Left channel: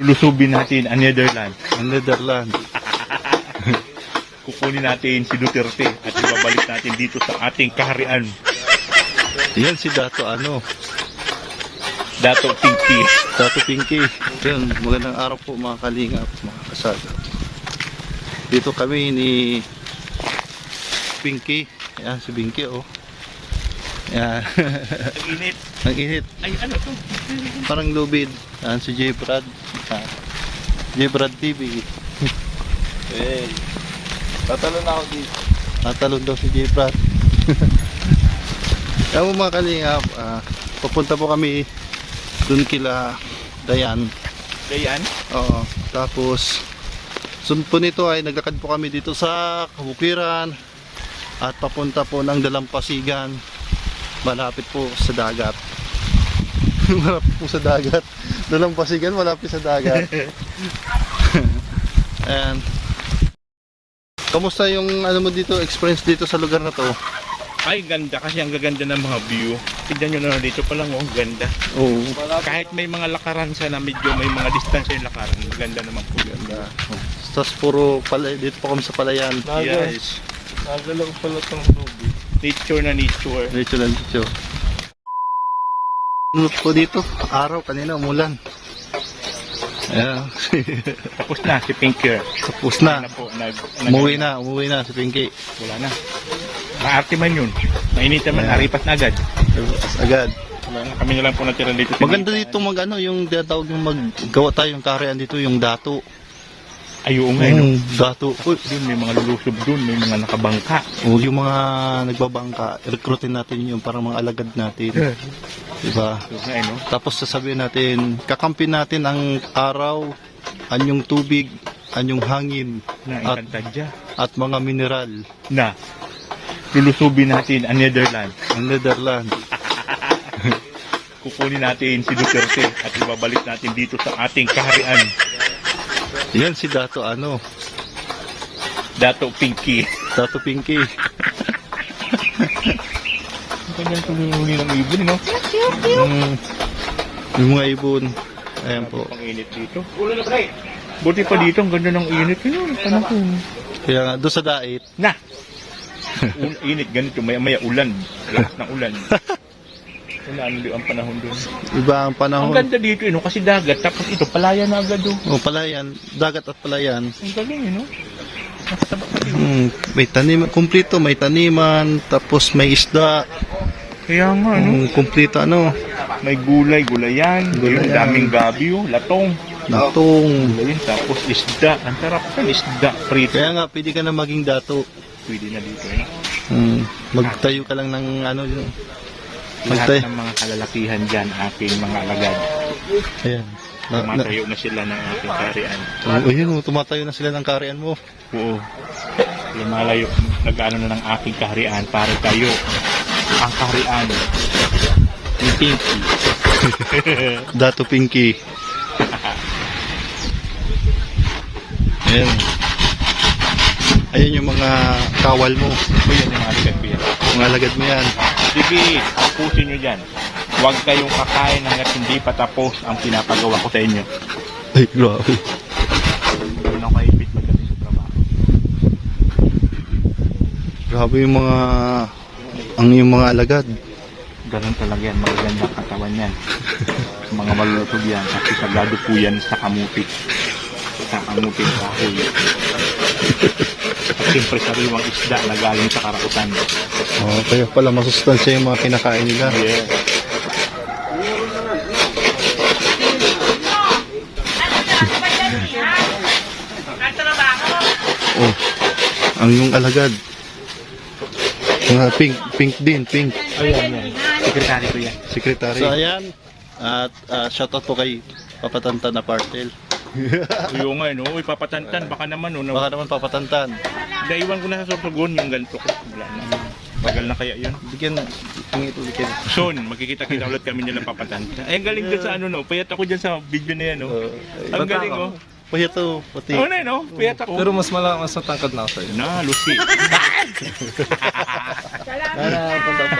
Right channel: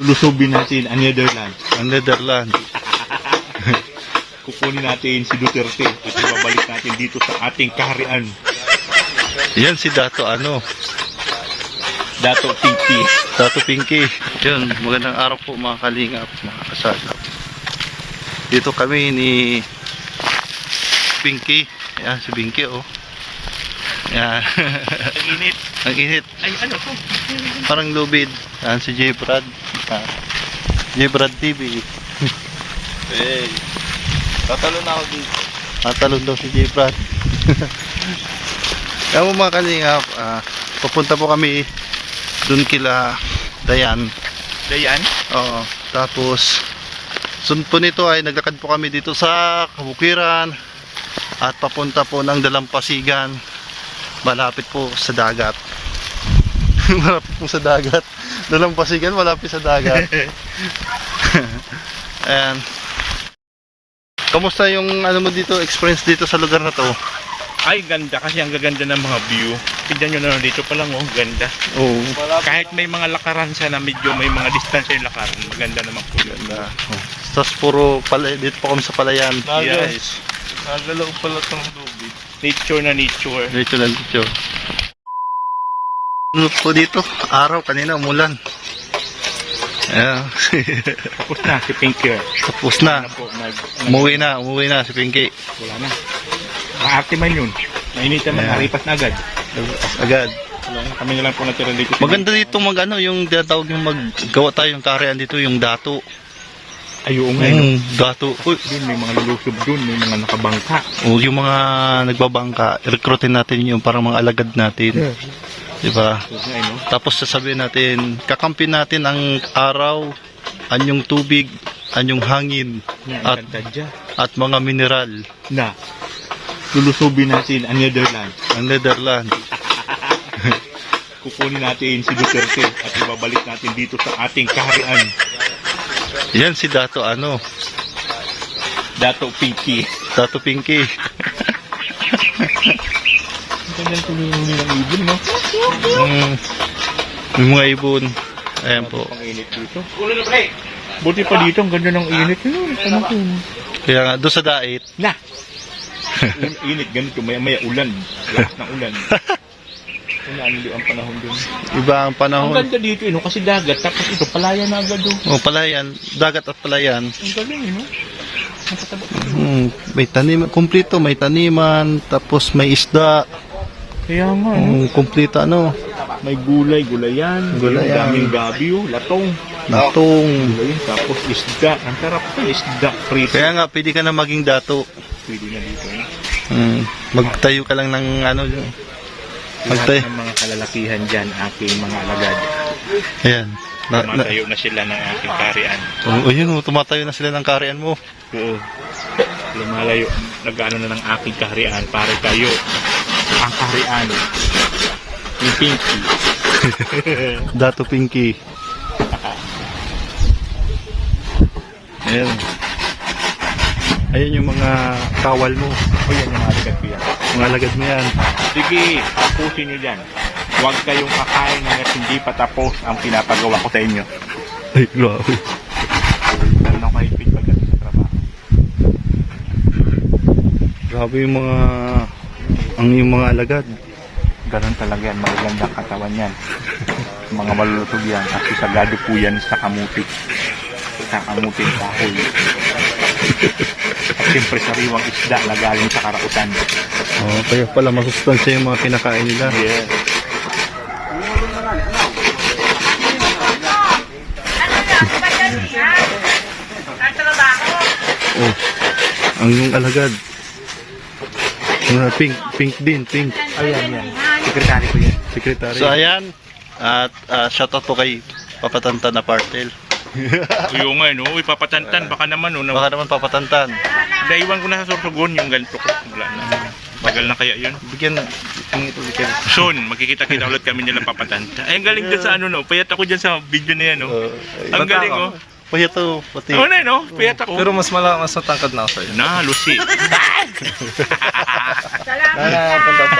Lulusubin natin ang Netherlands. Ang Netherlands. Kukunin natin si Duterte at ibabalik natin dito sa ating kaharian. Yan si Dato Dato Pinky. Dato Pinky. Yun, magandang araw po mga kalingap, mga kasagap. Dito kami ni Pinky. Yan si Pinky, oh. Yan. Ang init. Ang init. Ay, ano to? Parang lubid. Yan si J. Brad. J. Brad TV. Hey. Tatalon ako dito. Tatalon daw si J. Brad. Kaya mo mga kalingap, papunta po kami dun kila Dayan. Dayan? Oo. Tapos sunod po nito ay naglakad po kami dito sa Kabukiran at papunta po ng Dalampasigan, malapit po sa dagat. Malapit po sa dagat. Dalampasigan malapit sa dagat. Ayan. Kamusta yung ano mo dito, experience dito sa lugar na to? Ay, ganda kasi ang gaganda ng mga view. Tignan nyo na dito pa lang, oh, ganda. Oo. Kahit may mga lakaran sa na medyo may mga distansya yung lakaran, maganda naman po yun. Tapos puro palay, dito po kami sa palayan. Yes. Nagalaw pala itong lobby. Nature na nature. Dito lang dito. Ano po dito? Araw, kanina umulan. Ayan. Tapos na si Pinky. Tapos na. Umuwi na si Pinky. Wala na. Maarte man yun. Mainitan man, Yeah. naripas na agad. Agad. Wala na. Kami na lang po natira dito. Maganda dito yung tinatawag yung maggawa tayo ng kaharian dito, yung dato. Ay, oo nga, no? Dato. Uy. Doon may mga lulusob doon, may mga nakabangka. O yung mga nagbabangka, recruitin natin yung parang mga alagad natin. Diba? No? Tapos sasabihin natin, kakampi natin ang araw, anyong tubig, anyong hangin, at mga mineral. Na, lulusubin natin ang Netherlands. Ang Netherlands. Kukunin natin si Duterte at ibabalik natin dito sa ating kaharian. Yan si Dato Dato Pinky. Dato Pinky. Ang ganda ng tulungan ng ibon, no? Yung mga ibon. Ayan po. Ang init dito. Buti pa dito, ang ganda ng init. Yun, tanong ko. Kaya nga, doon sa dait. Na! Init, ganito, maya-maya ulan. Lakas ng ulan. Ulan, ang panahon dun. Iba ang Ang panahon. ganda dito, no? Kasi dagat, tapos ito, palayan na agad, oh. O, palayan. Dagat at palayan. Ang galing, no? May taniman. Kumplito. May taniman. Tapos may isda. Kaya nga, no? Kumplito ano. May gulayan. Gulayan. Yung daming gabi, oh. Latong. Natong. Gulayan, tapos isda. Ang sarap po, isda. Frito. Kaya nga, pwede ka na maging dato. Pwede na dito, no? Magtayo ka lang ng ano. Lahat Magtayo. ng mga kalalakihan dyan, aking mga alagad. Ayan. Tumatayo na sila ng ating kaharian. Ayun, tumatayo na sila ng kaharian mo. Oo. Lumalayo, nag-ano na ng aking kaharian para tayo ang kaharian. Yung Pinky. Dato Pinky. Ayan. Ayan yung mga kawal mo. O yan yung mga alagad ko yan. Mga alagad mo yan. Sige, tapusin nyo dyan. Huwag kayong kakain hanggat hindi pa tapos ang pinapagawa ko sa inyo. Ay, grabe. Lalo na kayo pagdating sa trabaho. Grabe yung mga alagad. Ganun talaga yan, magagandang katawan yan. Mga malulusog yan, kasi sagado po yan sa kamuti. Sa kamuti ng kahoy. At siyempre sariwang isda na galing sa karautan. Oh, kaya pala masustansya yung mga kinakain nila. Yeah. Oh, ang yung alagad. Mga pink din. Ayan, yan. Sekretary ko yan. Sekretary. So ayan, at shoutout po kay Papatantan na Partel. Uyo nga, no? Uy, papatantan. Baka naman, no? Baka naman Papatantan. Daiwan ko na sa Sorsogon yung ganito ko. Wala na. Tagal na kaya yun. Bigyan ito. Soon, magkikita-kita ulit kami nilang papatanta. Ay, ang galing dyan sa ano, no? Payat ako dyan sa video na yan, no? Ang galing, oh. Payat to. Pati. Oo na, no? Piyat ako. Pero mas matangkad na ako sa'yo. Na, Lucy.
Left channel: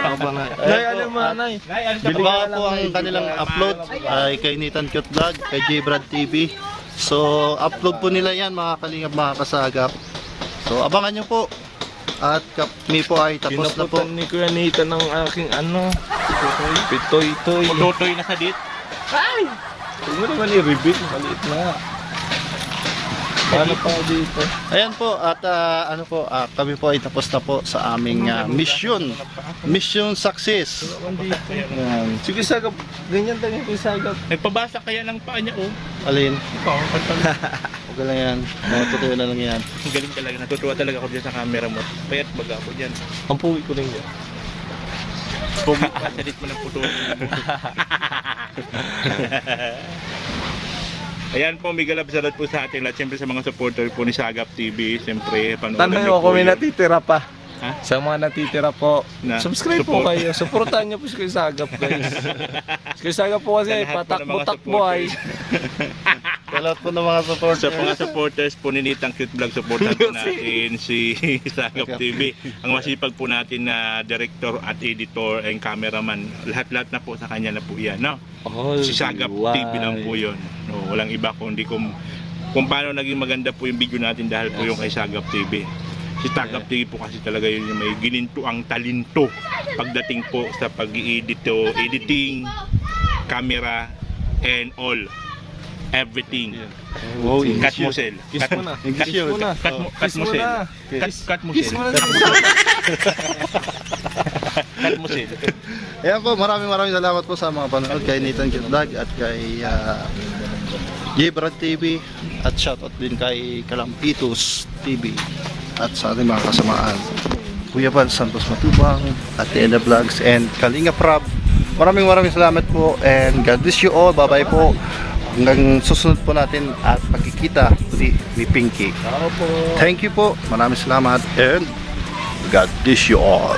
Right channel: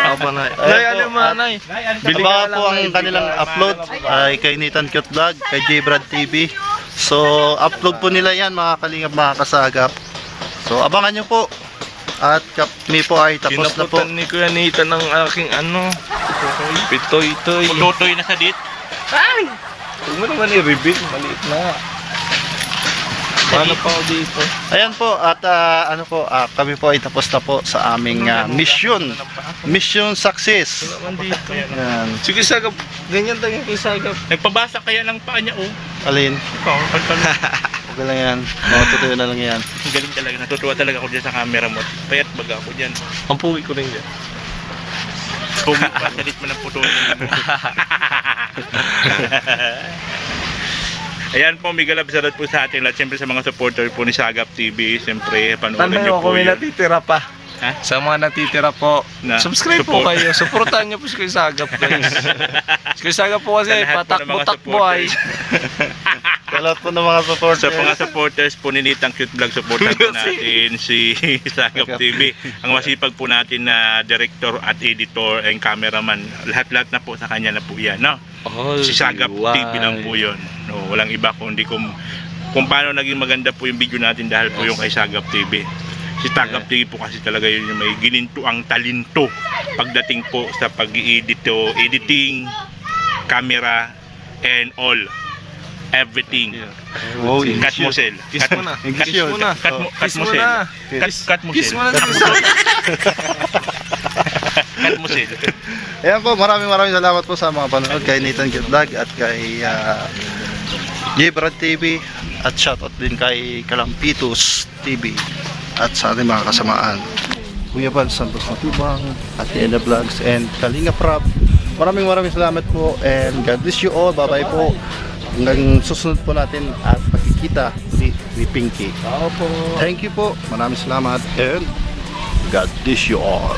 Apa na. Nay, ano mo, Nay? Abangan po ang kanilang upload ay kay Nathan Cute Vlog, kay J Brad TV. So, upload po nila yan mga kalingap, mga kasagap. So, abangan nyo po. At kami po ay tapos na po. Kinaputan ni Kuya Nathan ng aking ano, pitoy-toy. Tutoy na sa dit. Huwag mo naman i-reveal, maliit na. Paano pa ako dito? Ayan po, at ano po, kami po ay tapos na po sa aming mission. Mission success. Naman dito. Ayan. Sige, sagap. Ganyan tayo kay sagap. Nagpabasa kaya ng paa niya, oh. Alin? Ikaw, Okay lang yan. Matutuyo na lang yan. galing talaga. Natutuwa talaga ako dyan sa camera mo. Payat baga ako dyan. Ang puwi ko rin yan. Pugi pa, salit mo ng puto. Ayan po, may galab salat po sa ating lahat. Siyempre sa mga supporter po ni Sagap TV. Siyempre, panoorin Tanong niyo ko po kung may yun. natitira pa. Ha? Sa mga natitira po, Na subscribe po support. kayo. Supportan niyo po si Kuya Sagap, guys. Si Kuya Sagap po kasi Sa lahat po ng mga patakbo-takbo ay. Sa lahat po ng mga supporters. Sa mga supporters po ni Nitang Cute Vlog, supportan po natin si Sagap TV. Ang masipag po natin na director at editor and cameraman. Lahat-lahat na po sa kanya na po yan, no? Si Sagap TV lang po yun. No, walang iba kundi kung paano naging maganda po yung video natin dahil po yung kay Sagap TV. Si Sagap TV po kasi talaga yun yung may gininto ang talento pagdating po sa editing, camera, and all. Everything. Wow, Cut mo, Sel. Kiss mo na. Kiss Kiss mo na. Cut mo, Kiss mo na. Cut mo, Kiss Sel. mo na si Kuya Sagap. Cut mo, Sel. Ayan po, maraming salamat po sa mga panonood kay Nathan Cute Vlog at kay J Brad TV at shoutout din kay Kalampitos TV at sa ating mga kasamaan Kuya Val Santos Matubang at Eda Vlogs and Kalinga Prab. Maraming salamat po and God bless you all. Bye bye po. Hanggang susunod po natin at pagkikita ni Pinky. Ako po. Thank you po. Maraming salamat and God bless you all.